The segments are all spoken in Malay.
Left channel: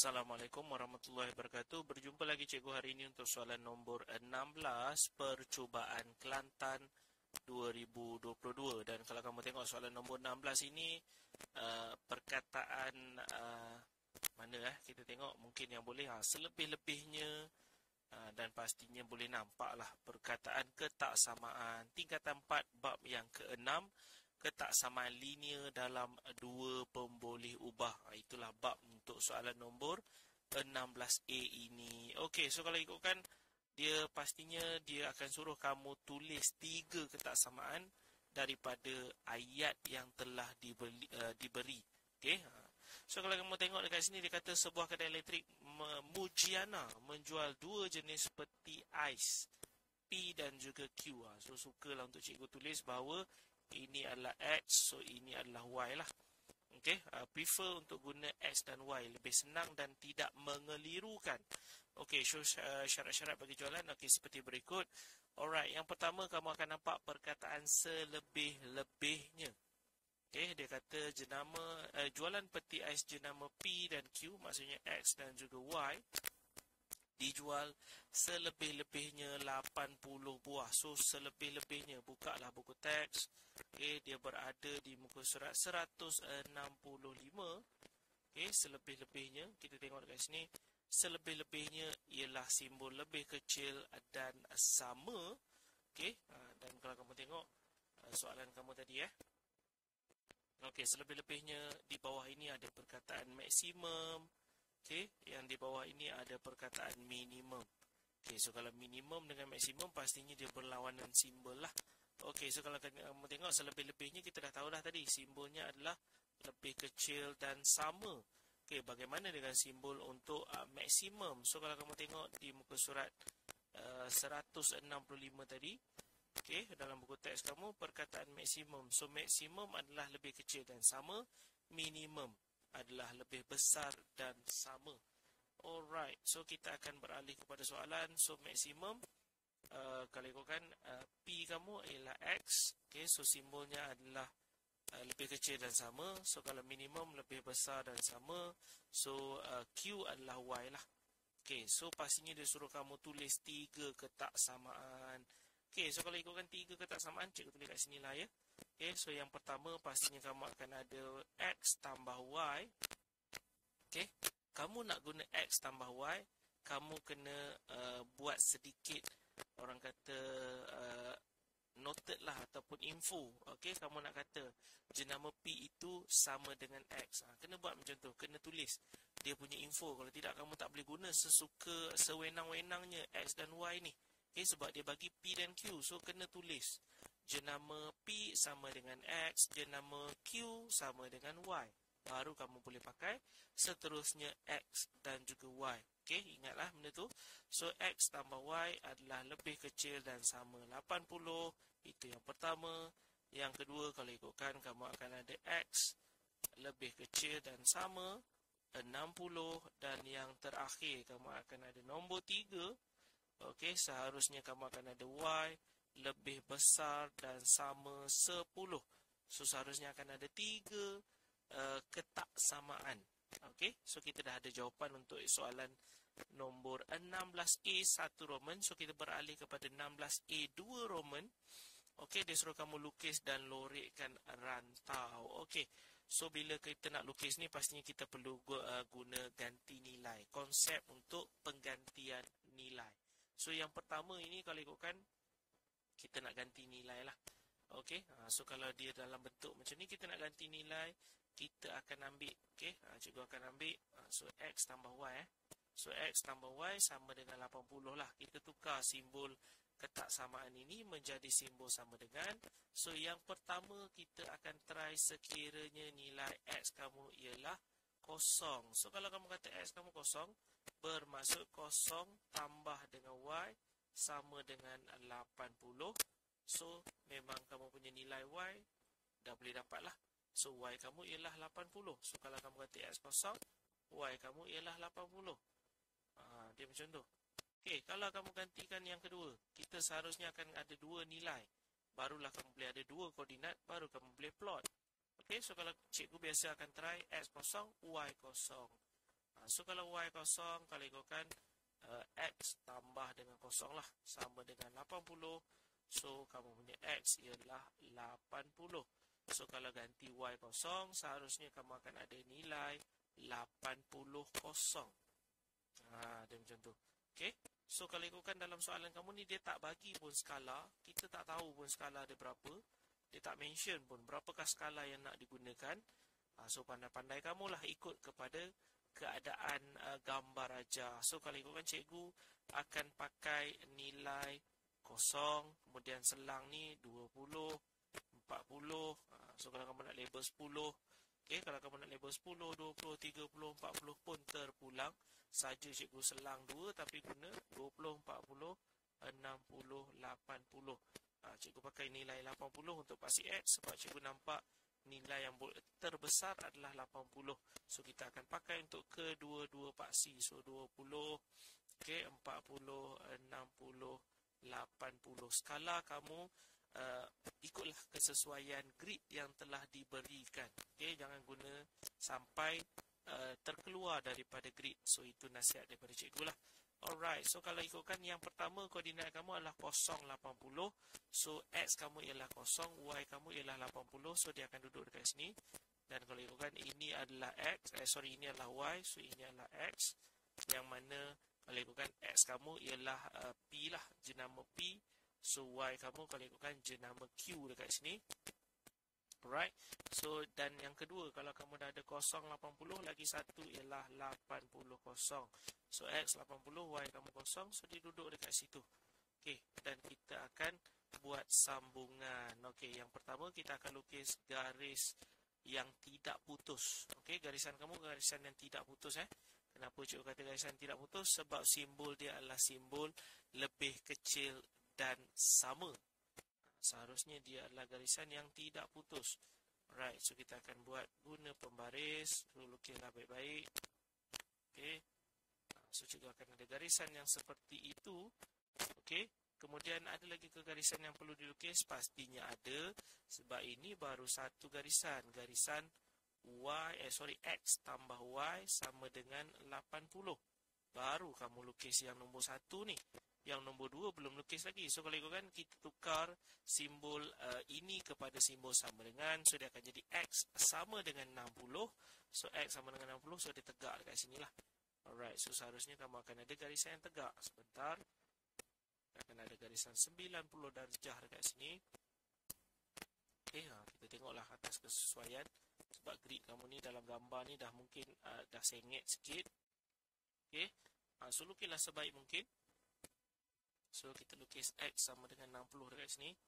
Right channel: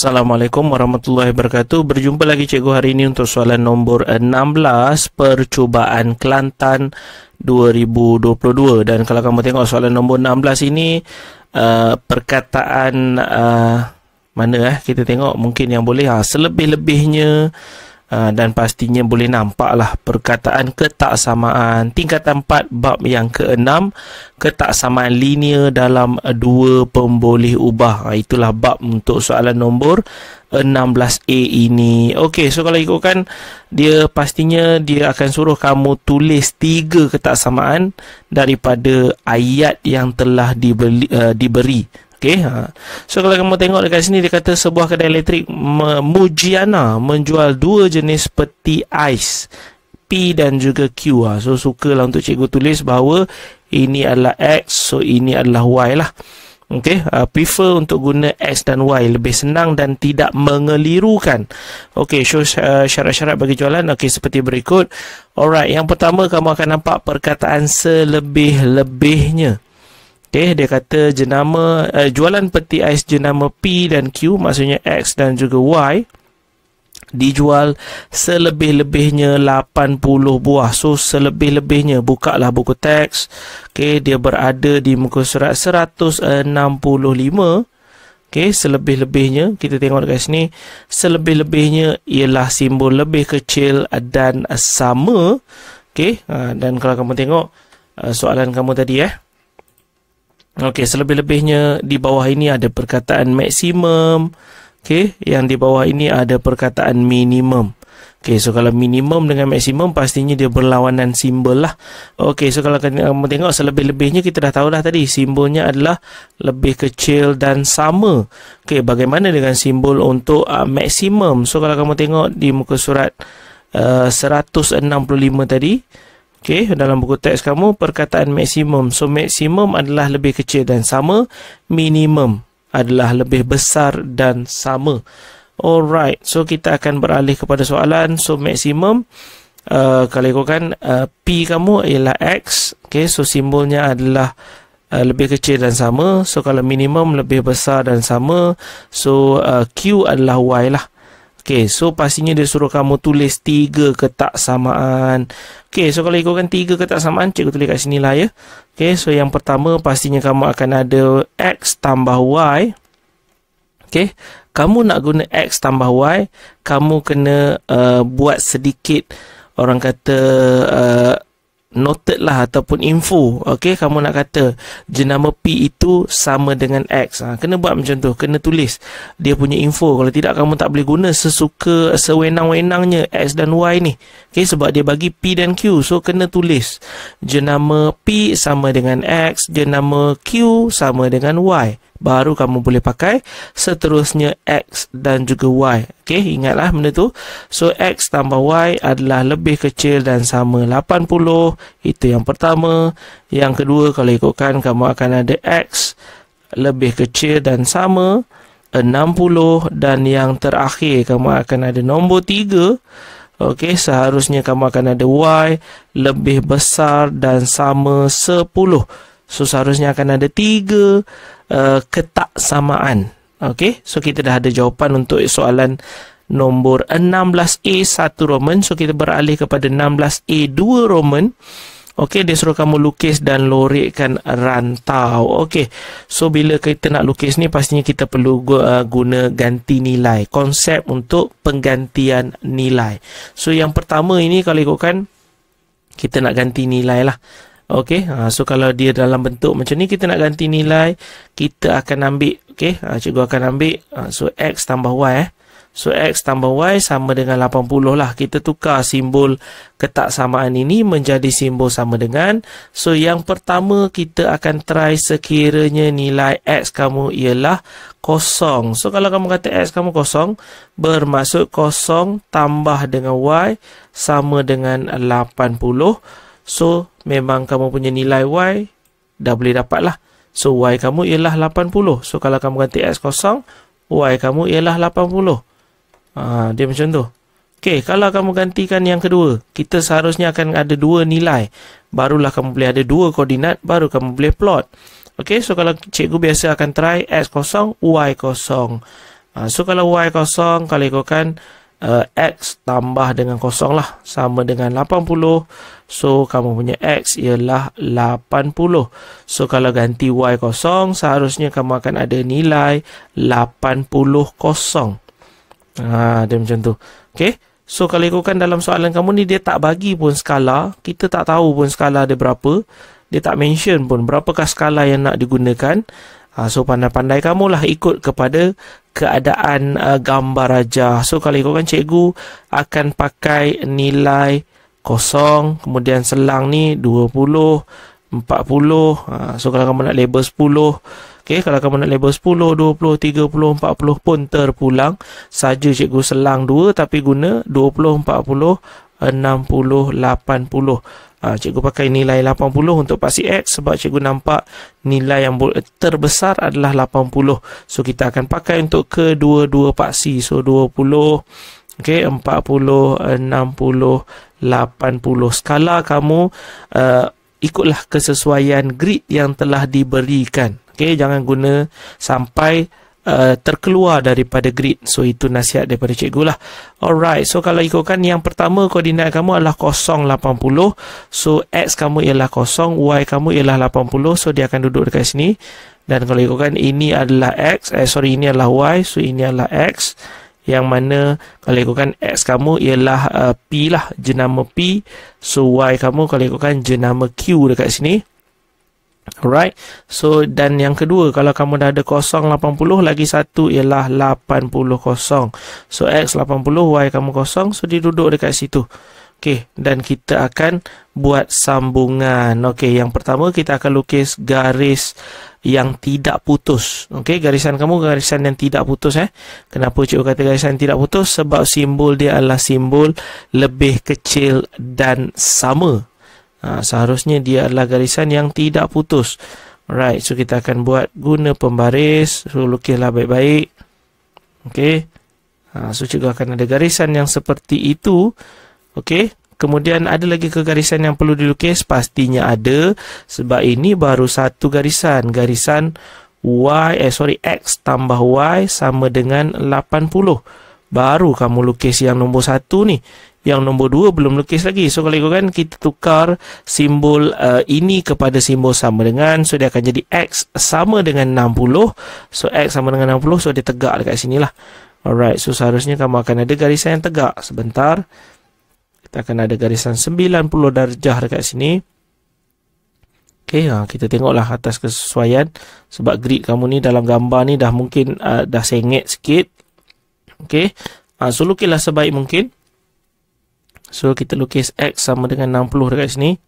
Assalamualaikum warahmatullahi wabarakatuh. Berjumpa lagi cikgu hari ini untuk soalan nombor 16 percubaan Kelantan 2022. Dan kalau kamu tengok soalan nombor 16 ini perkataan kita tengok mungkin yang boleh selebih-lebihnya dan pastinya boleh nampaklah perkataan ketaksamaan tingkatan 4 bab yang ke-6, ketaksamaan linear dalam dua pemboleh ubah. Itulah bab untuk soalan nombor 16A ini. Okey, so kalau ikutkan dia pastinya dia akan suruh kamu tulis 3 ketaksamaan daripada ayat yang telah diberi. Okay, so kalau kamu tengok dekat sini dia kata sebuah kedai elektrik Mujiana menjual 2 jenis peti ais P dan juga Q. So sukalah untuk cikgu tulis bahawa ini adalah X, so ini adalah Y lah. Okay, prefer untuk guna X dan Y, lebih senang dan tidak mengelirukan. Okay, so syarat-syarat bagi jualan seperti berikut. Alright, yang pertama kamu akan nampak perkataan selebih-lebihnya. Okay, dia kata jenama jualan peti ais jenama P dan Q, maksudnya X dan juga Y, dijual selebih-lebihnya 80 buah. So selebih-lebihnya, bukalah buku teks. Okay, dia berada di muka surat 165. Okay, selebih-lebihnya kita tengok dekat sini, selebih-lebihnya ialah simbol lebih kecil dan sama. Okay, dan kalau kamu tengok soalan kamu tadi okey, selebih-lebihnya di bawah ini ada perkataan maksimum. Okey, yang di bawah ini ada perkataan minimum. Okey, so kalau minimum dengan maksimum pastinya dia berlawanan simbol lah. Okey, so kalau kamu tengok selebih-lebihnya kita dah tahu dah tadi, simbolnya adalah lebih kecil dan sama. Okey, bagaimana dengan simbol untuk maksimum? So kalau kamu tengok di muka surat 165 tadi, okey, dalam buku teks kamu perkataan maksimum. So maksimum adalah lebih kecil dan sama, minimum adalah lebih besar dan sama. Alright, so kita akan beralih kepada soalan. So maksimum kalau ikutkan P kamu ialah X. Okey, so simbolnya adalah lebih kecil dan sama. So kalau minimum lebih besar dan sama. So Q adalah Y lah. Okey, so pastinya dia suruh kamu tulis 3 ketaksamaan. Okey, so kalau ikutkan 3 ketaksamaan, cikgu tulis kat sini lah ya. Okey, so yang pertama pastinya kamu akan ada X tambah Y. Okey, kamu nak guna X tambah Y, kamu kena buat sedikit, orang kata noted lah ataupun info. Okey, kamu nak kata jenama P itu sama dengan X. Kena buat macam tu, kena tulis dia punya info. Kalau tidak kamu tak boleh guna sesuka sewenang-wenangnya X dan Y ni. Okey, sebab dia bagi P dan Q. So kena tulis jenama P sama dengan X, jenama Q sama dengan Y. Baru kamu boleh pakai seterusnya X dan juga Y. Okey, ingatlah benda tu. So X tambah Y adalah lebih kecil dan sama 80. Itu yang pertama. Yang kedua, kalau ikutkan kamu akan ada X lebih kecil dan sama 60. Dan yang terakhir kamu akan ada nombor 3. Okey, seharusnya kamu akan ada Y lebih besar dan sama 10. So seharusnya akan ada 3 ketaksamaan. Okey, so kita dah ada jawapan untuk soalan nombor 16A 1 Roman. So kita beralih kepada 16A 2 Roman. Okey, dia suruh kamu lukis dan lorekkan rantau. Okey, so bila kita nak lukis ni pastinya kita perlu guna ganti nilai, konsep untuk penggantian nilai. So yang pertama ini kalau ikutkan kita nak ganti nilai lah. Okey, so kalau dia dalam bentuk macam ni kita nak ganti nilai, kita akan ambil, okey, cikgu akan ambil so X tambah Y. So X tambah Y sama dengan 80 lah. Kita tukar simbol ketaksamaan ini menjadi simbol sama dengan. So yang pertama kita akan try sekiranya nilai X kamu ialah 0. So kalau kamu kata X kamu 0, bermaksud 0 tambah dengan Y sama dengan 80. So memang kamu punya nilai Y dah boleh dapat lah. So Y kamu ialah 80. So kalau kamu ganti X 0, Y kamu ialah 80. Dia macam tu. Okey, kalau kamu gantikan yang kedua, kita seharusnya akan ada 2 nilai. Barulah kamu boleh ada 2 koordinat, baru kamu boleh plot. Okey, so kalau cikgu biasa akan try X 0, Y 0. So kalau Y kosong, kalau ikutkan X tambah dengan kosong lah, sama dengan 80. So kamu punya X ialah 80. So kalau ganti Y kosong, seharusnya kamu akan ada nilai 80 kosong. Dia macam tu. Okay. So kalau ikutkan dalam soalan kamu ni, dia tak bagi pun skala. Kita tak tahu pun skala dia berapa. Dia tak mention pun berapakah skala yang nak digunakan. So pandai-pandai kamulah ikut kepada keadaan gambar aja. So kalau ikutkan, cikgu akan pakai nilai kosong, kemudian selang ni 20, 40. So kalau kamu nak label 10, okay, kalau kamu nak label 10, 20, 30, 40 pun terpulang. Saja cikgu selang 2 tapi guna 20, 40, 60, 80. Cikgu pakai nilai 80 untuk paksi X sebab cikgu nampak nilai yang terbesar adalah 80. So kita akan pakai untuk kedua-dua paksi. So 20, okay, 40, 60, 80. Skala kamu ikutlah kesesuaian grid yang telah diberikan. Okay, jangan guna sampai terkeluar daripada grid. So itu nasihat daripada cikgu lah. Alright, so kalau ikutkan yang pertama, koordinat kamu adalah 0, 80. So X kamu ialah 0, Y kamu ialah 80. So dia akan duduk dekat sini. Dan kalau ikutkan, ini adalah X, ini adalah Y. So ini adalah X, yang mana kalau ikutkan X kamu ialah P lah, jenama P. So Y kamu kalau ikutkan jenama Q dekat sini. Alright, so dan yang kedua, kalau kamu dah ada 0, 80, lagi satu ialah 80 kosong. So X 80, Y kamu 0, so dia duduk dekat situ. Okay, dan kita akan buat sambungan. Okay, yang pertama kita akan lukis garis yang tidak putus. Okay, garisan kamu garisan yang tidak putus. Kenapa cikgu kata garisan yang tidak putus? Sebab simbol dia adalah simbol lebih kecil dan sama. Seharusnya dia adalah garisan yang tidak putus. Alright, so kita akan buat guna pembaris. So lukislah baik-baik. Okay, so cikgu akan ada garisan yang seperti itu. Okay, kemudian ada lagi ke garisan yang perlu dilukis? Pastinya ada, sebab ini baru satu garisan. Garisan X tambah Y sama dengan 80. Baru kamu lukis yang nombor 1 ni. Yang nombor 2 belum lukis lagi. So kalau ikutkan, kita tukar simbol ini kepada simbol sama dengan. So dia akan jadi X sama dengan 60. So X sama dengan 60. So dia tegak dekat sini lah. Alright, so seharusnya kamu akan ada garisan yang tegak. Sebentar. Kita akan ada garisan 90 darjah dekat sini. Okay, kita tengoklah atas kesesuaian. Sebab grid kamu ni dalam gambar ni dah mungkin dah sengit sikit. Okay, so lukislah sebaik mungkin. So kita lukis X sama dengan 60 dekat sini.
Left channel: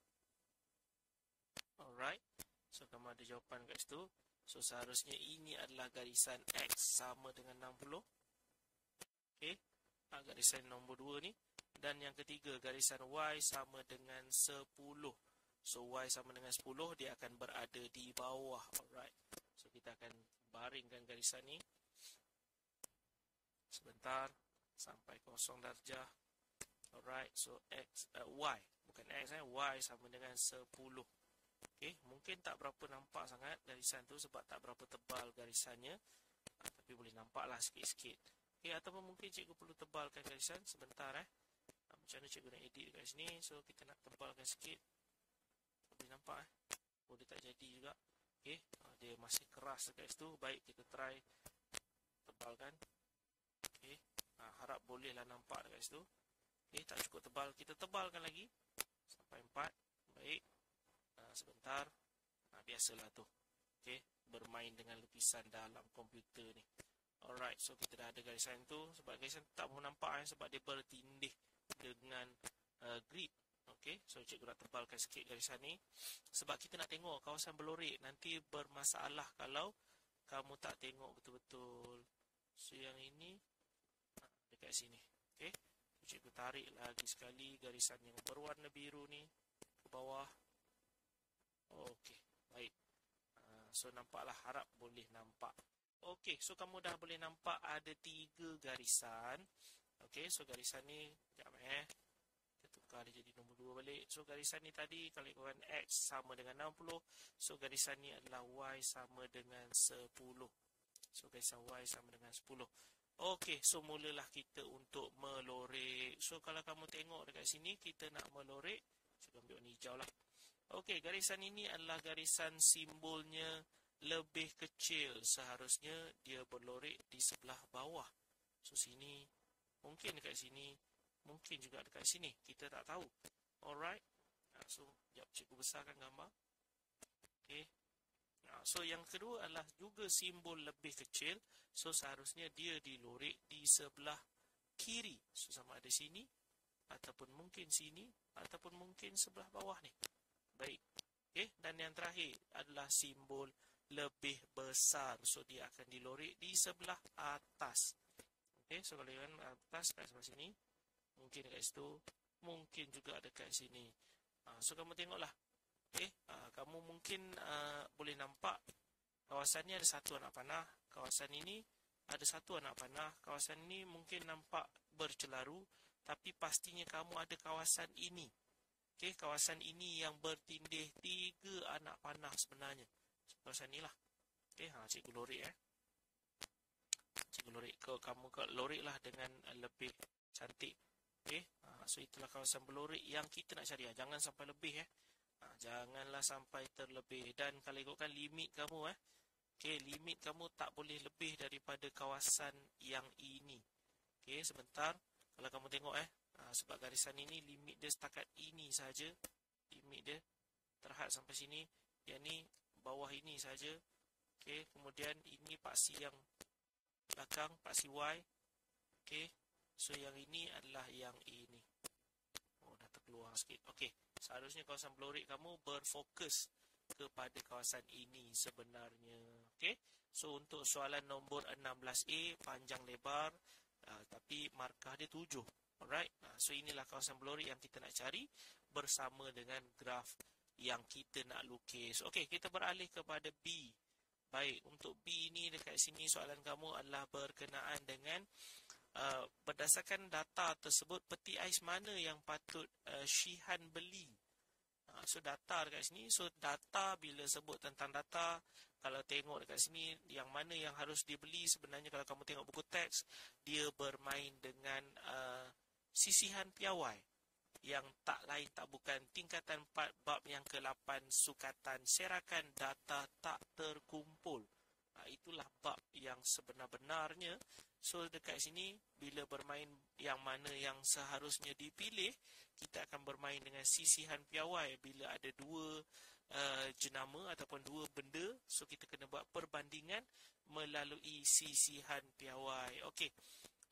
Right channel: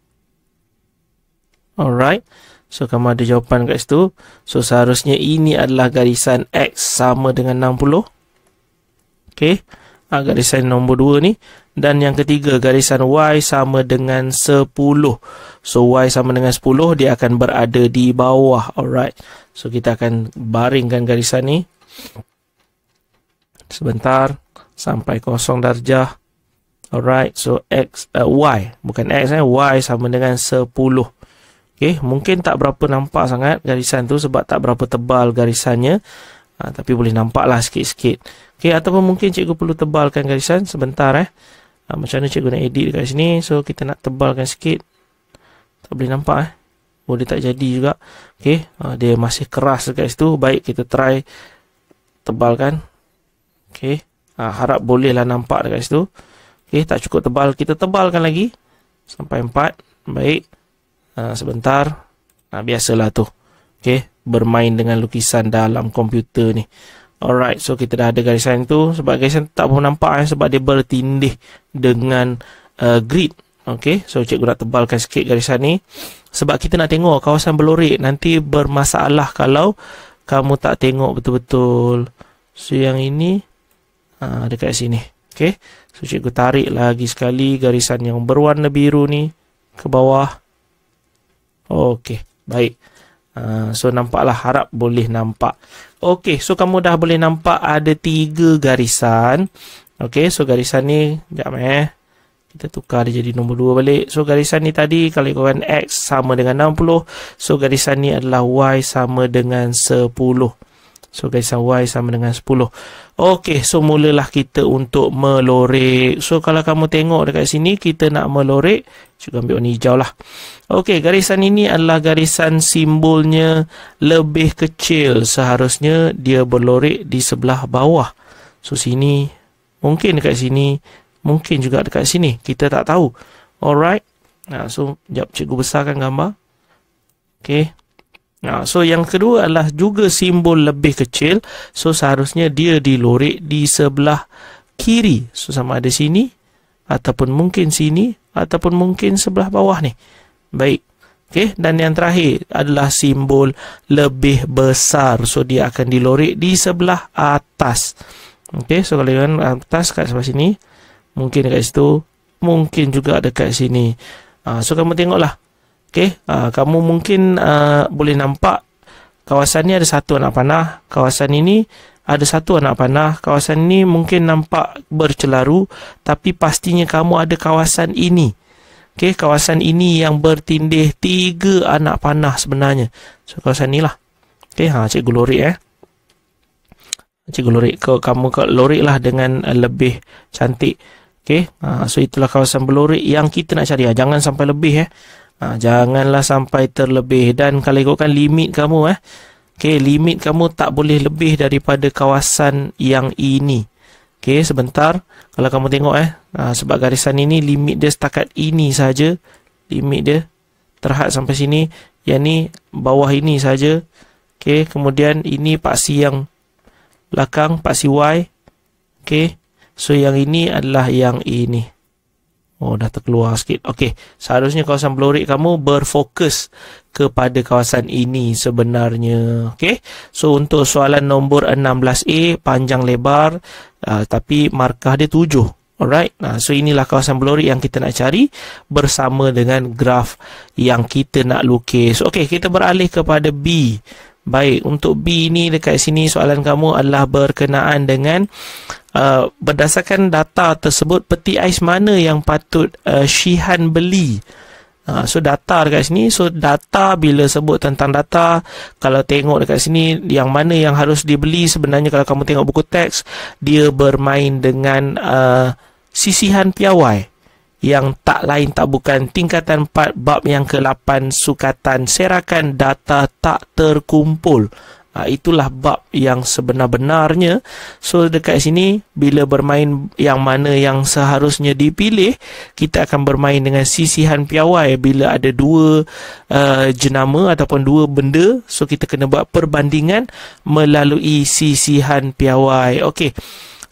Alright, so kamu ada jawapan kat situ. So seharusnya ini adalah garisan X sama dengan 60. Okay, garisan nombor 2 ni. Dan yang ketiga, garisan Y sama dengan 10. So Y sama dengan 10, dia akan berada di bawah. Alright, so kita akan baringkan garisan ni. Sebentar, sampai 0 darjah. Alright, so Y, bukan X, Y sama dengan 10. Okay, mungkin tak berapa nampak sangat garisan tu sebab tak berapa tebal garisannya. Tapi boleh nampak lah sikit-sikit. Okay, ataupun mungkin cikgu perlu tebalkan garisan. Sebentar macam mana cikgu nak edit dekat sini. So kita nak tebalkan sikit. Tak boleh nampak boleh tak jadi juga. Okay, dia masih keras dekat situ. Baik, kita try tebalkan. Okay, harap bolehlah nampak dekat situ. Okay, tak cukup tebal, kita tebalkan lagi sampai 4. Baik, sebentar. Biasalah tu. Okay, bermain dengan lukisan dalam komputer ni. Alright, so kita dah ada garisan tu. Sebab garisan tak pun nampak sebab dia bertindih dengan grid. Okay, so cikgu nak tebalkan sikit garisan ni. Sebab kita nak tengok kawasan berlorek. Nanti bermasalah kalau kamu tak tengok betul-betul. So yang ini dekat sini. Okay, so cikgu tarik lagi sekali garisan yang berwarna biru ni ke bawah. Okay, baik. So nampaklah, harap boleh nampak. Okay, so kamu dah boleh nampak ada 3 garisan. Okay, so garisan ni, sekejap kita tukar dia jadi nombor 2 balik. So garisan ni tadi, kalau ikutkan X sama dengan 60. So garisan ni adalah Y sama dengan 10. So garisan Y sama dengan 10. Okey, so mulalah kita untuk melorek. So kalau kamu tengok dekat sini, kita nak melorek, juga ambil warna hijau lah. Okey, garisan ini adalah garisan simbolnya lebih kecil. Seharusnya dia berlorek di sebelah bawah. So sini, mungkin dekat sini, mungkin juga dekat sini. Kita tak tahu. Alright. Nah, so sekejap cikgu besarkan gambar. Okey. Nah, so yang kedua adalah juga simbol lebih kecil. So seharusnya dia dilorek di sebelah kiri. So sama ada sini, ataupun mungkin sini, ataupun mungkin sebelah bawah ni. Baik. Okey, dan yang terakhir adalah simbol lebih besar. So dia akan dilorek di sebelah atas. Okey, so kalau yang atas kat sebelah sini, mungkin dekat situ, mungkin juga dekat sini. So kamu tengoklah. Okey, kamu mungkin boleh nampak kawasan ni ada satu anak panah, kawasan ini ada satu anak panah, kawasan ini mungkin nampak bercelaru, tapi pastinya kamu ada kawasan ini. Okey, kawasan ini yang bertindih 3 anak panah sebenarnya. So kawasan ni lah. Okey, cikgu lorek cikgu lorek. Kamu lorek lah dengan lebih cantik. Okey, so itulah kawasan berlorek yang kita nak cari. Jangan sampai lebih janganlah sampai terlebih. Dan kalau ikutkan limit kamu okey, limit kamu tak boleh lebih daripada kawasan yang ini. Okey, sebentar. Kalau kamu tengok sebab garisan ini limit dia setakat ini saja. Limit dia terhad sampai sini. Yang ni bawah ini saja. Okey, kemudian ini paksi yang belakang, paksi Y. Okey, so yang ini adalah yang ini. Oh, dah terkeluar sikit. Okey, seharusnya kawasan berlorek kamu berfokus kepada kawasan ini sebenarnya. Okey, so untuk soalan nombor 16A, panjang lebar, tapi markah dia 7. Alright, so inilah kawasan berlorek yang kita nak cari bersama dengan graf yang kita nak lukis. Okey, kita beralih kepada B. Baik, untuk B ni dekat sini soalan kamu adalah berkenaan dengan berdasarkan data tersebut, peti ais mana yang patut Syihan beli. So data dekat sini, so data bila sebut tentang data, kalau tengok dekat sini yang mana yang harus dibeli, sebenarnya kalau kamu tengok buku teks, dia bermain dengan sisihan piawai yang tak lain tak bukan tingkatan 4 bab yang ke-8 sukatan serakan data tak terkumpul. Itulah bab yang sebenar-benarnya. So dekat sini bila bermain yang mana yang seharusnya dipilih, kita akan bermain dengan sisihan piawai. Bila ada dua jenama ataupun dua benda, so kita kena buat perbandingan melalui sisihan piawai. Okey.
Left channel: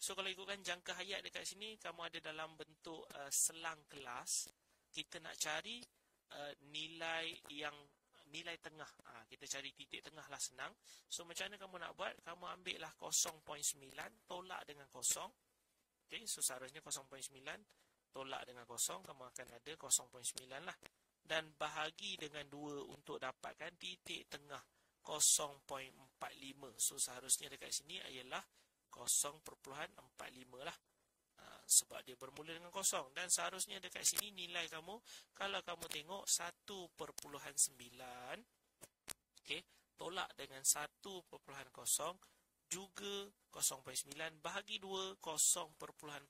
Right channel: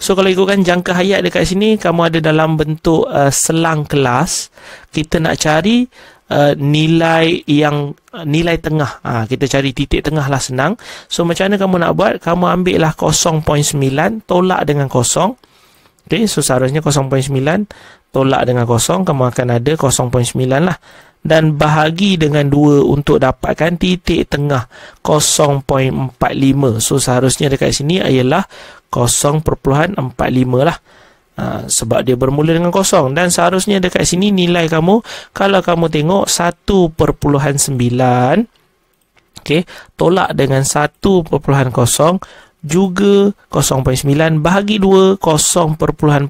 So kalau ikutkan jangka hayat dekat sini, kamu ada dalam bentuk selang kelas. Kita nak cari nilai tengah. Kita cari titik tengah lah, senang. So macam mana kamu nak buat? Kamu ambil lah 0.9 tolak dengan 0. Okay, so seharusnya 0.9 tolak dengan 0, kamu akan ada 0.9 lah. Dan bahagi dengan 2 untuk dapatkan titik tengah 0.45. So seharusnya dekat sini ialah 0.45 lah. Sebab dia bermula dengan 0. Dan seharusnya dekat sini nilai kamu, kalau kamu tengok 1.9, okay, tolak dengan 1.0 juga 0.9 bahagi 2 0.45.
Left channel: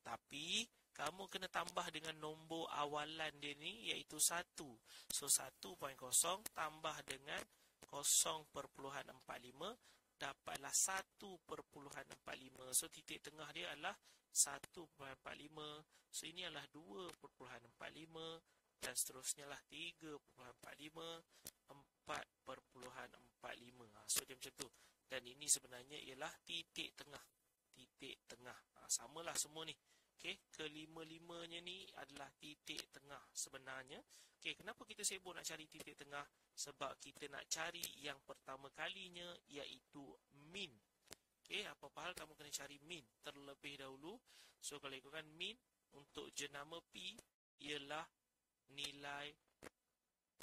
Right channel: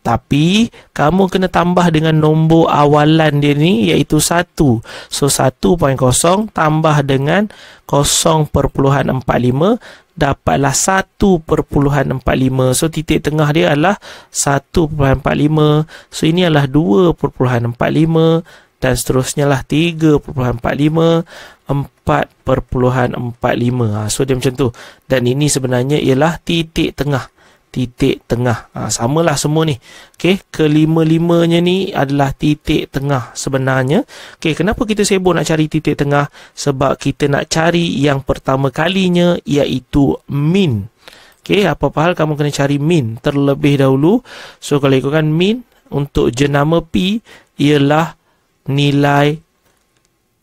Tapi kamu kena tambah dengan nombor awalan dia ni, iaitu 1. So 1.0 tambah dengan 0.45, dapatlah 1.45. So titik tengah dia adalah 1.45. So ini adalah 2.45 dan seterusnya lah 3.45, 4.45. So dia macam tu. Dan ini sebenarnya ialah titik tengah. Titik tengah. Samalah semua ni. Okey, kelima-limanya ni adalah titik tengah sebenarnya. Okey, kenapa kita sibuk nak cari titik tengah? Sebab kita nak cari yang pertama kalinya, iaitu min. Okey, apa-apa hal kamu kena cari min terlebih dahulu. So kalau ikutkan min untuk jenama P ialah nilai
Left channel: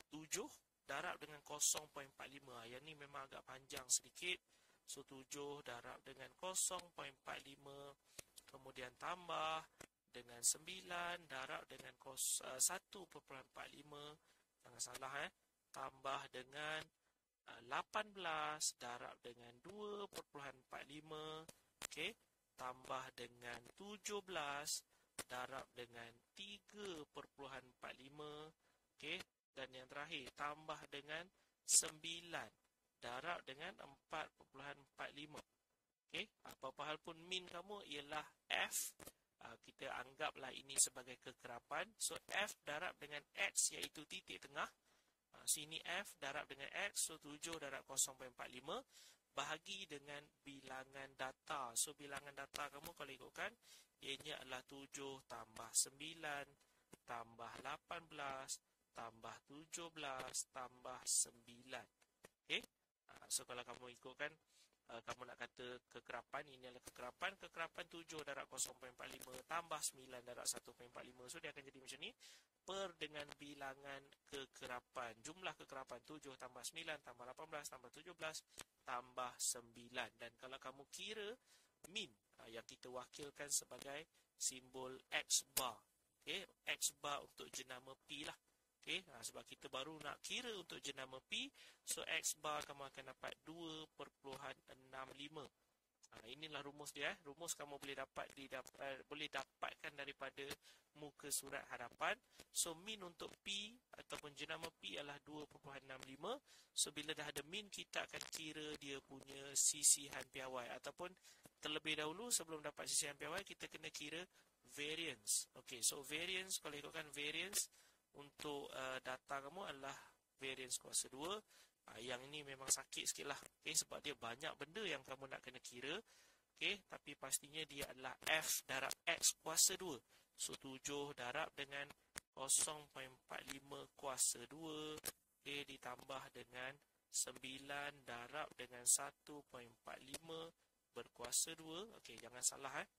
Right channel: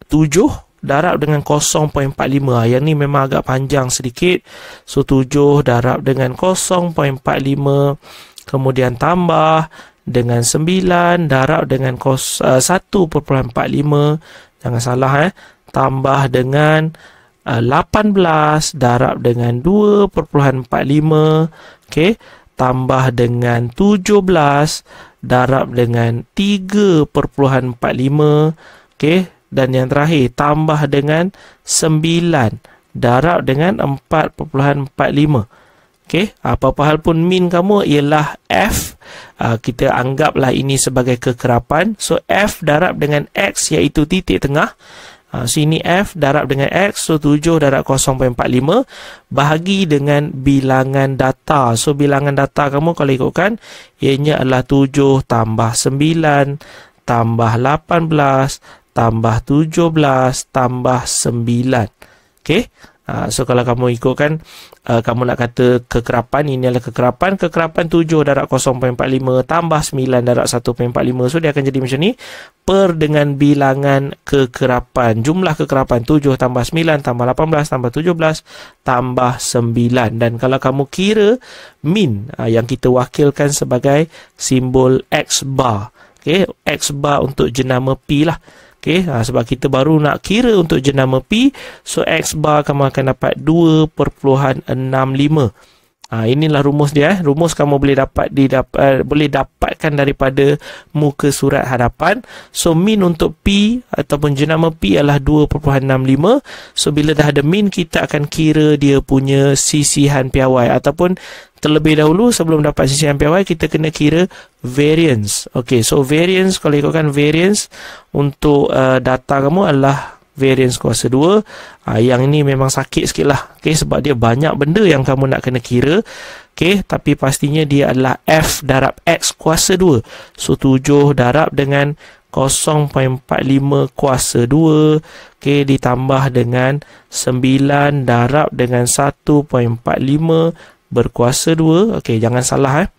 7 darab dengan 0.45. Yang ni memang agak panjang sedikit. So 7 darab dengan 0.45, kemudian tambah dengan 9 darab dengan 1.45. Jangan salah tambah dengan 18 darab dengan 2.45, okey, tambah dengan 17 darab dengan 3.45, okey, dan yang terakhir tambah dengan 9 darab dengan 4.45. Okey, apa-apa hal pun min kamu ialah F. Kita anggaplah ini sebagai kekerapan. So, F darab dengan X iaitu titik tengah. Sini F darab dengan X. So, 7 darab 0.45 bahagi dengan bilangan data. So, bilangan data kamu kalau ikutkan, ianya adalah 7 tambah 9 tambah 18 tambah 17 tambah 9. Okey. So, kalau kamu ikutkan, kamu nak kata kekerapan, ini adalah kekerapan 7 darab 0.45 tambah 9 darab 1.45. So, dia akan jadi macam ni. Per dengan bilangan kekerapan. Jumlah kekerapan 7 tambah 9 tambah 18 tambah 17 tambah 9. Dan kalau kamu kira min, yang kita wakilkan sebagai simbol X bar. Okay, X bar untuk jenama P lah. Okay, sebab kita baru nak kira untuk jenama P. So, X bar kamu akan dapat 2.65. Inilah rumus dia. Rumus kamu boleh dapatkan daripada muka surat hadapan. So, min untuk P ataupun jenama P adalah 2.65. So, bila dah ada min, kita akan kira dia punya sisihan piawai. Ataupun terlebih dahulu sebelum dapat sisihan piawai, kita kena kira variance. Okey, so variance, kalau ikutkan variance untuk data kamu adalah variance kuasa 2. Yang ini memang sakit sikit lah. Okay, sebab dia banyak benda yang kamu nak kena kira. Okay, tapi pastinya dia adalah F darab X kuasa 2. So, 7 darab dengan 0.45 kuasa 2. Okay, ditambah dengan 9 darab dengan 1.45 berkuasa 2. Okey, jangan salah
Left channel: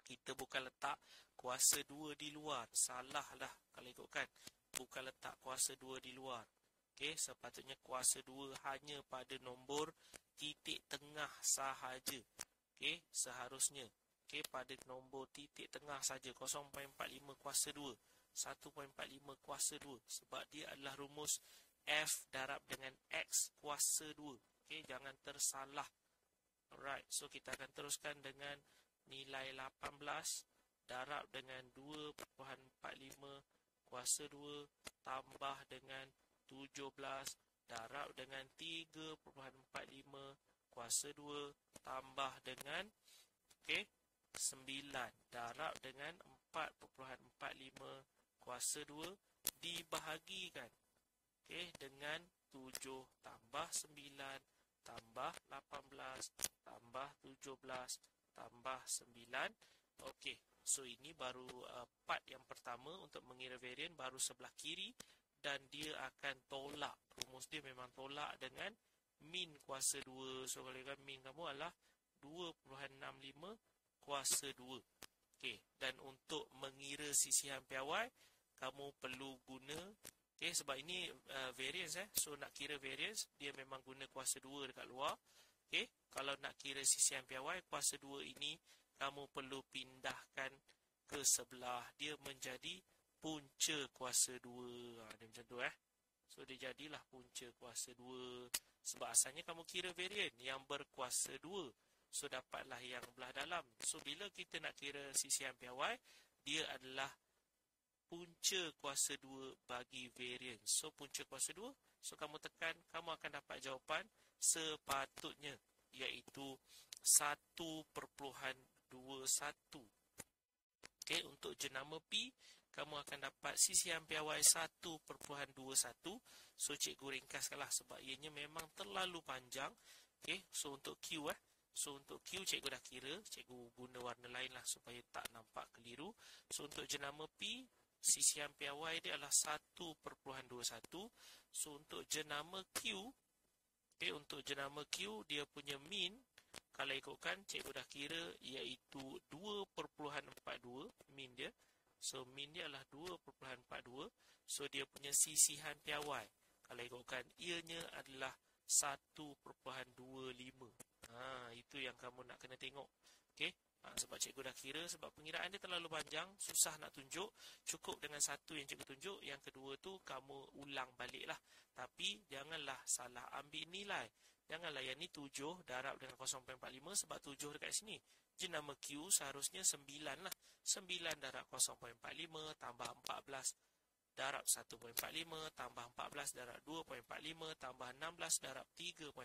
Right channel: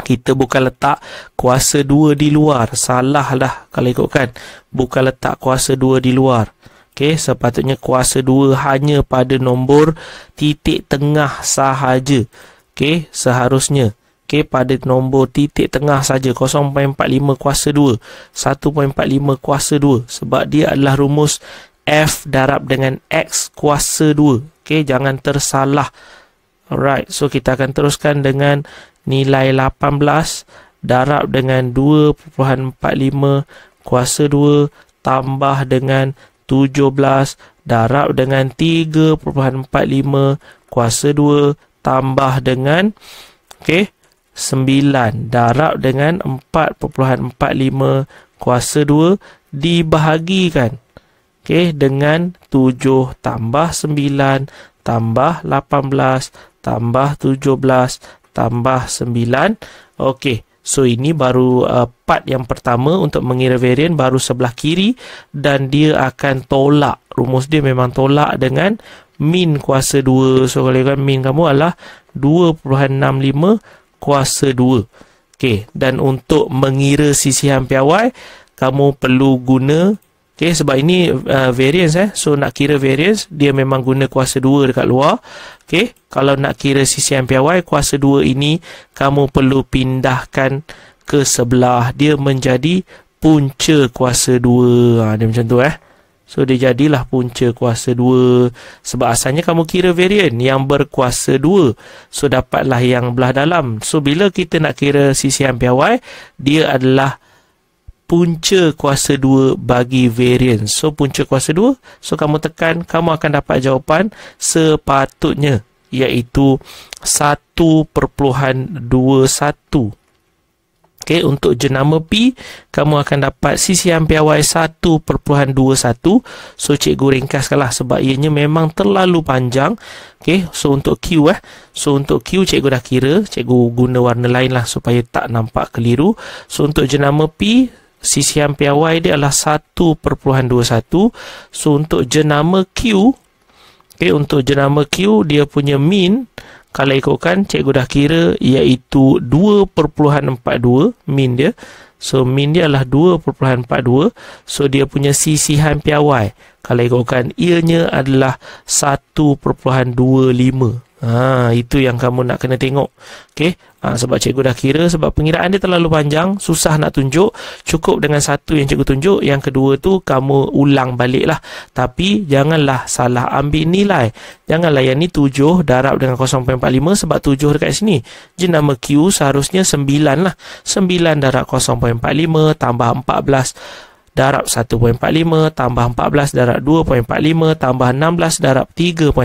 kita bukan letak kuasa 2 di luar. Salah lah kalau ikutkan. Bukan letak kuasa 2 di luar. Okey, sepatutnya kuasa 2 hanya pada nombor titik tengah sahaja. Okey, seharusnya. Okey, pada nombor titik tengah saja. 0.45 kuasa 2. 1.45 kuasa 2. Sebab dia adalah rumus F darab dengan X kuasa 2. Okey, jangan tersalah. Alright, so kita akan teruskan dengan nilai 18 darab dengan 2.45 kuasa 2 tambah dengan 17 darab dengan 3.45 kuasa 2 tambah dengan 9 darab dengan 4.45 kuasa 2 dibahagikan dengan 7 tambah 9 tambah 18 tambah 17 tambah 9. Okey, so ini baru part yang pertama untuk mengira varian, baru sebelah kiri, dan dia akan tolak. Rumus dia memang tolak dengan min kuasa 2. So, kalau kan min kamu adalah 2.65 kuasa 2. Okey, dan untuk mengira sisihan piawai, kamu perlu guna, sebab ini variance. So, nak kira variance, dia memang guna kuasa 2 dekat luar. Kalau nak kira sisihan piawai, kuasa 2 ini kamu perlu pindahkan ke sebelah. Dia menjadi punca kuasa 2. Dia macam tu. So, dia jadilah punca kuasa 2. Sebab asalnya kamu kira varian yang berkuasa 2. So, dapatlah yang belah dalam. So, bila kita nak kira sisihan piawai, dia adalah punca kuasa 2 bagi variance. So, punca kuasa 2. So, kamu tekan, kamu akan dapat jawapan sepatutnya, iaitu 1.21. Untuk jenama P, kamu akan dapat sisihan piawai 1.21. So, cikgu ringkaskanlah sebab ianya memang terlalu panjang. So, untuk Q So, untuk Q cikgu dah kira. Cikgu guna warna lain lah supaya tak nampak keliru. So, untuk jenama P, sisihan piawai dia adalah 1.21. So, untuk jenama Q, untuk jenama Q, dia punya min, kalau ikutkan, cikgu dah kira, iaitu 2.42 min dia. So, min dia adalah 2.42. So, dia punya sisihan piawai, kalau ikutkan, ianya adalah 1.25. Itu yang kamu nak kena tengok. Okey. Sebab cikgu dah kira, sebab pengiraan dia terlalu panjang, susah nak tunjuk. Cukup dengan satu yang cikgu tunjuk, yang kedua tu kamu ulang balik lah. Tapi janganlah salah ambil nilai. Janganlah yang ni 7 darab dengan 0.45 sebab 7 dekat sini. Jenama Q seharusnya 9 lah. 9 darab 0.45 tambah 14 darab 1.45 tambah 14 darab 2.45 tambah 16 darab 3.45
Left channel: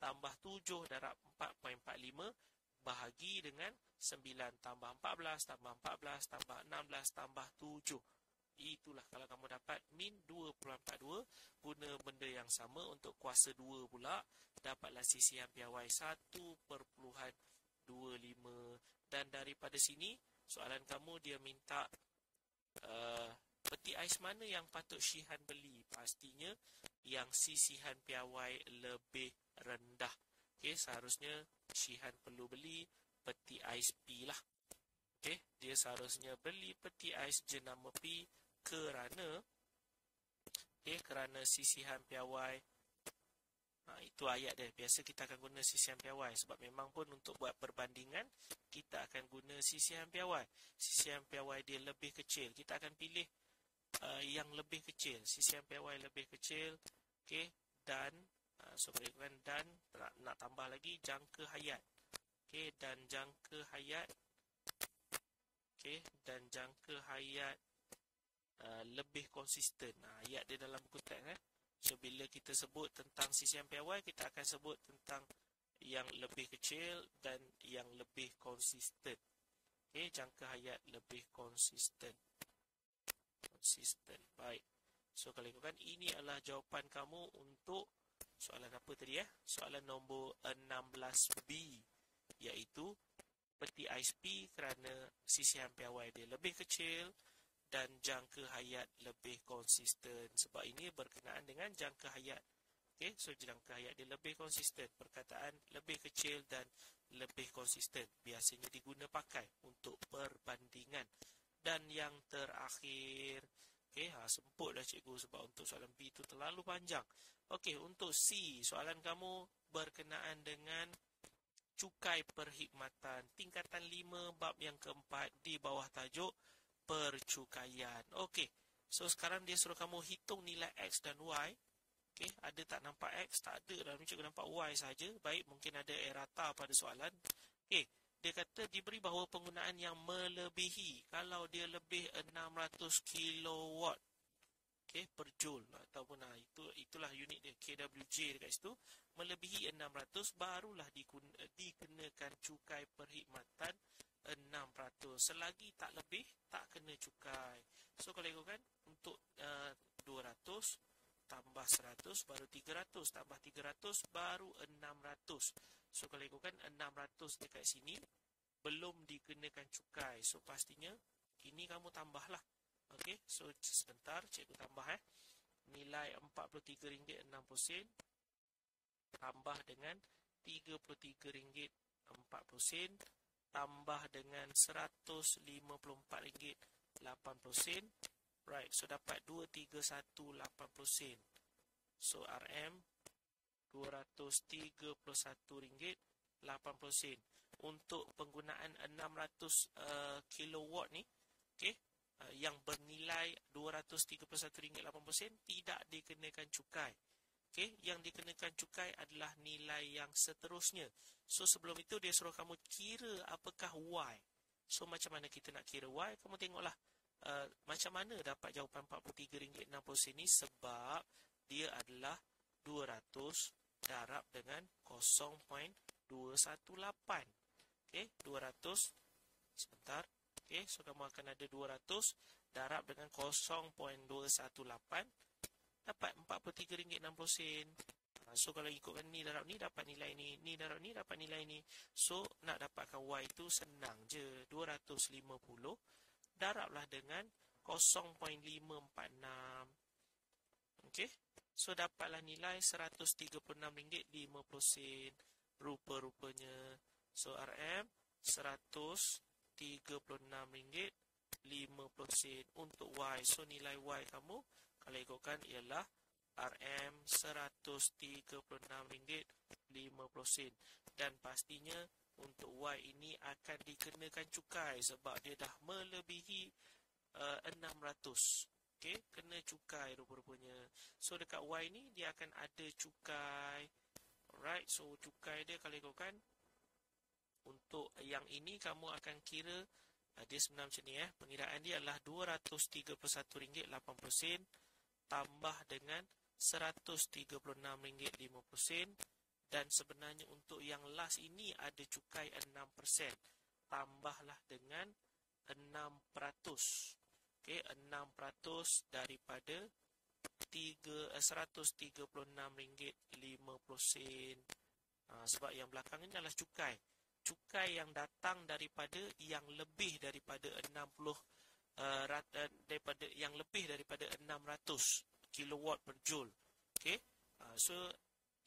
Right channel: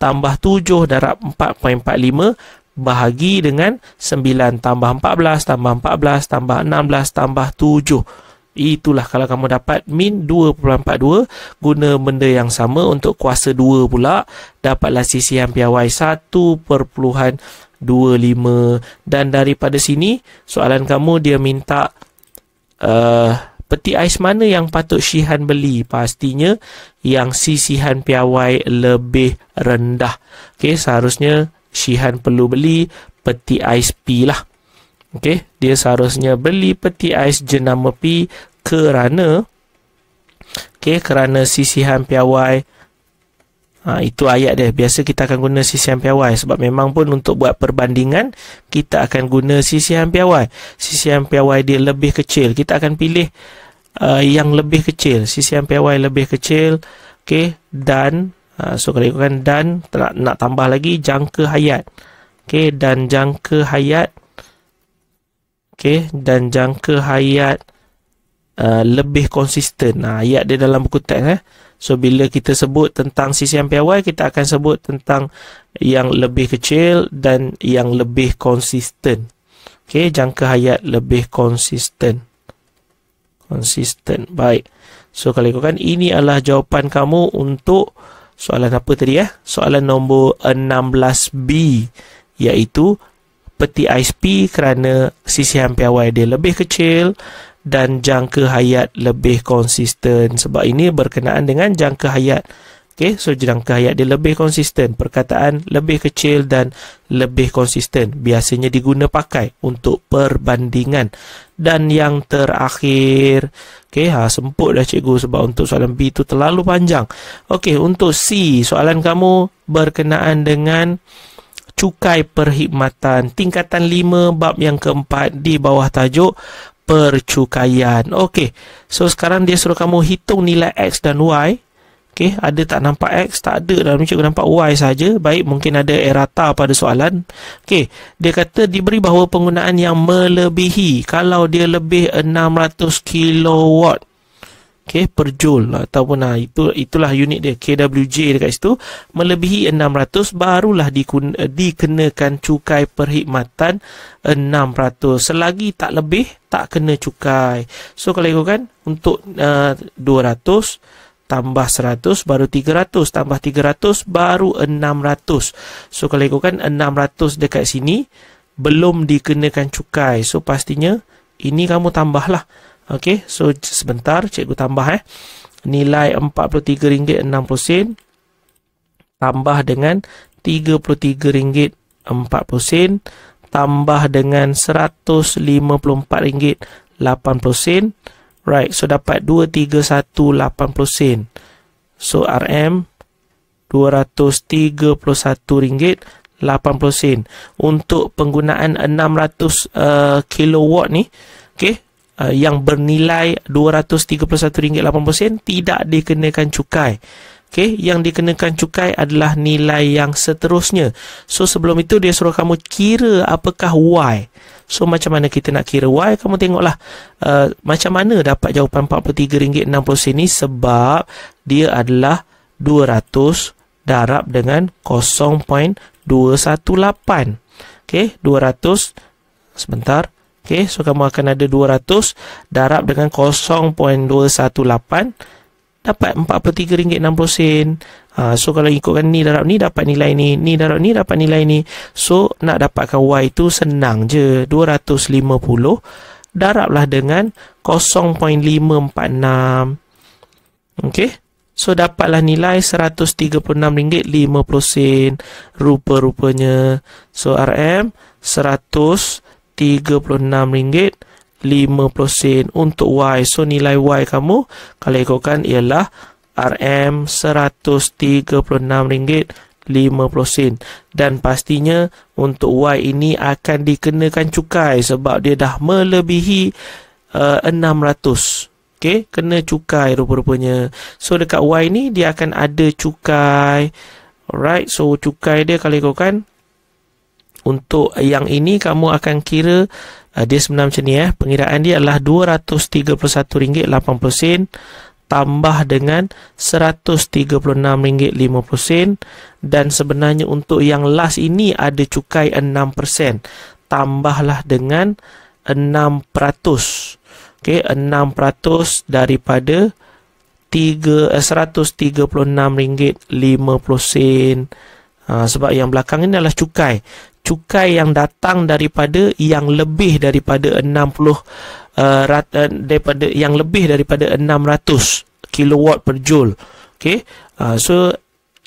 tambah 7 darab 4.45 bahagi dengan 9 tambah 14 tambah 14 tambah 16 tambah 7. Itulah kalau kamu dapat min 2.42, guna benda yang sama untuk kuasa 2 pula, dapatlah sisihan piawai 1.25. Dan daripada sini soalan kamu dia minta peti ais mana yang patut Syihan beli? Pastinya yang sisihan piawai lebih rendah. Okey, seharusnya Syihan perlu beli peti ais P lah. Okey, dia seharusnya beli peti ais jenama P kerana sisihan piawai. Itu ayat dia. Biasa kita akan guna sisihan piawai sebab memang pun untuk buat perbandingan kita akan guna sisihan piawai. Sisihan piawai dia lebih kecil. Kita akan pilih yang lebih kecil. Sisihan piawai lebih kecil. Okey, dan so kalau ikutkan dan nak tambah lagi jangka hayat. Okey, dan jangka hayat. Okey, dan jangka hayat lebih konsisten. Ayat dia dalam buku teks. So bila kita sebut tentang sisihan piawai, kita akan sebut tentang yang lebih kecil dan yang lebih konsisten. Okey, jangka hayat lebih konsisten. Baik. So kalau ikutkan, ini adalah jawapan kamu untuk soalan apa tadi ya? Soalan nombor 16B, iaitu peti ais P kerana sisihan piawai dia lebih kecil dan jangka hayat lebih konsisten. Sebab ini berkenaan dengan jangka hayat. Okey, so jangka hayat dia lebih konsisten. Perkataan lebih kecil dan lebih konsisten biasanya diguna pakai untuk perbandingan. Dan yang terakhir, okey, semput dah cikgu sebab untuk soalan B itu terlalu panjang. Okey, untuk C, soalan kamu berkenaan dengan cukai perkhidmatan tingkatan 5 bab yang keempat di bawah tajuk percukaian. Okey, so sekarang dia suruh kamu hitung nilai X dan Y. Okey, ada tak nampak X? Tak ada. Dalam ni cikgu nampak Y saja. Baik, mungkin ada errata pada soalan. Okey, dia kata diberi bahawa penggunaan yang melebihi, kalau dia lebih 600 kilowatt, okey, per joule ataupun itulah unit dia, kWj dekat situ, melebihi 600 barulah dikenakan cukai perkhidmatan 600. Selagi tak lebih, tak kena cukai. So kalau ikutkan, untuk 200 tambah 100 baru 300, tambah 300 baru 600. So kalau ikutkan 600 dekat sini belum dikenakan cukai. So pastinya ini kamu tambahlah. Okey, so sebentar cikgu tambah nilai RM43.60 tambah dengan RM33.40 tambah dengan RM154.80. Right, so dapat RM231.80. So RM RM231.80 untuk penggunaan 600 kilowatt ni. Okey, yang bernilai RM231.80 tidak dikenakan cukai. Okey, yang dikenakan cukai adalah nilai yang seterusnya. So sebelum itu dia suruh kamu kira apakah Y. So macam mana kita nak kira Y? Kamu tengoklah macam mana dapat jawapan RM43.60 ni, sebab dia adalah 200 darab dengan 0.218. Okey, 200 sebentar. Okey, so kamu akan ada 200 darab dengan 0.218 dapat RM43.60. So kalau ikutkan ni darab ni dapat nilai ni, ni darab ni dapat nilai ni. So nak dapatkan Y itu senang je. 250 darablah dengan 0.546. Okey, so dapatlah nilai RM136.50 rupa-rupanya. So RM RM136.50 untuk Y. So nilai Y kamu kalau ikutkan ialah RM136.50. 50 sen. Dan pastinya untuk Y ini akan dikenakan cukai sebab dia dah melebihi 600. Okey, kena cukai rupa-rupanya. So dekat Y ni dia akan ada cukai. Alright, so cukai dia kalau ikutkan untuk yang ini kamu akan kira dia sebenarnya macam ni pengiraan dia adalah RM231.80 tambah dengan RM136.50 dan sebenarnya untuk yang last ini ada cukai 6%, tambahlah dengan 6%. Okey, 6% daripada RM136.50. Sebab yang belakang ini adalah cukai. Cukai yang datang daripada yang lebih daripada 60 daripada yang lebih daripada 600 kilowatt per joule. Okey. So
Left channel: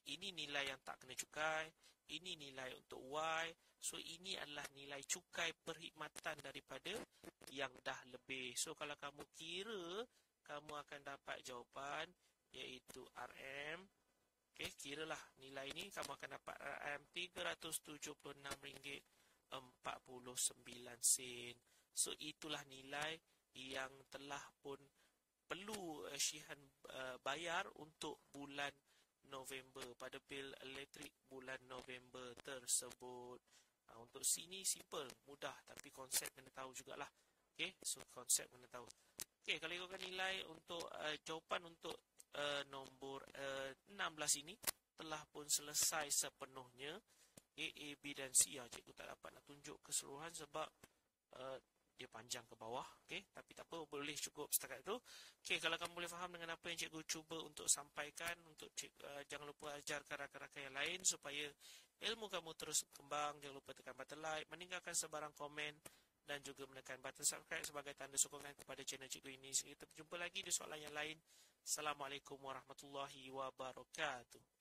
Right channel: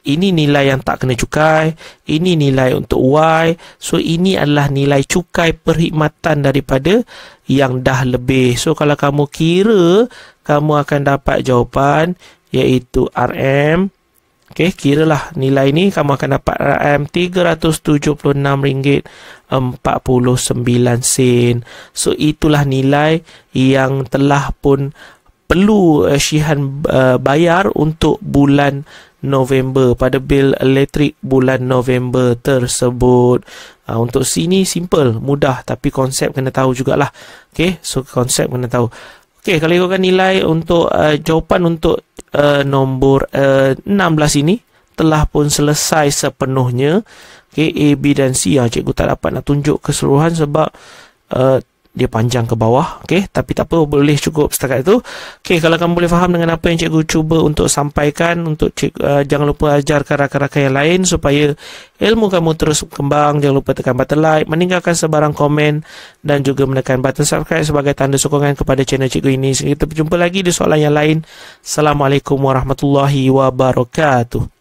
ini nilai yang tak kena cukai, ini nilai untuk Y. So ini adalah nilai cukai perkhidmatan daripada yang dah lebih. So kalau kamu kira, kamu akan dapat jawapan iaitu RM. Okey, kiralah nilai ni kamu akan dapat RM376.49. So itulah nilai yang telah pun perlu Syihan bayar untuk bulan November pada bil elektrik bulan November tersebut. Untuk sini simple, mudah, tapi konsep kena tahu jugalah. Okey, so konsep kena tahu. Okey, kalau ikutkan nilai untuk jawapan untuk nombor 16 ini telah pun selesai sepenuhnya. Okey, A, B dan C. Cikgu tak dapat nak tunjuk keseluruhan sebab dia panjang ke bawah. Okey, tapi tak apa, boleh cukup setakat itu. Okey, kalau kamu boleh faham dengan apa yang cikgu cuba untuk sampaikan, untuk jangan lupa ajarkan rakan-rakan yang lain supaya ilmu kamu terus berkembang. Jangan lupa tekan button like, meninggalkan sebarang komen dan juga menekan button subscribe sebagai tanda sokongan kepada channel cikgu ini. Sehingga kita berjumpa lagi di soalan yang lain. Assalamualaikum warahmatullahi wabarakatuh.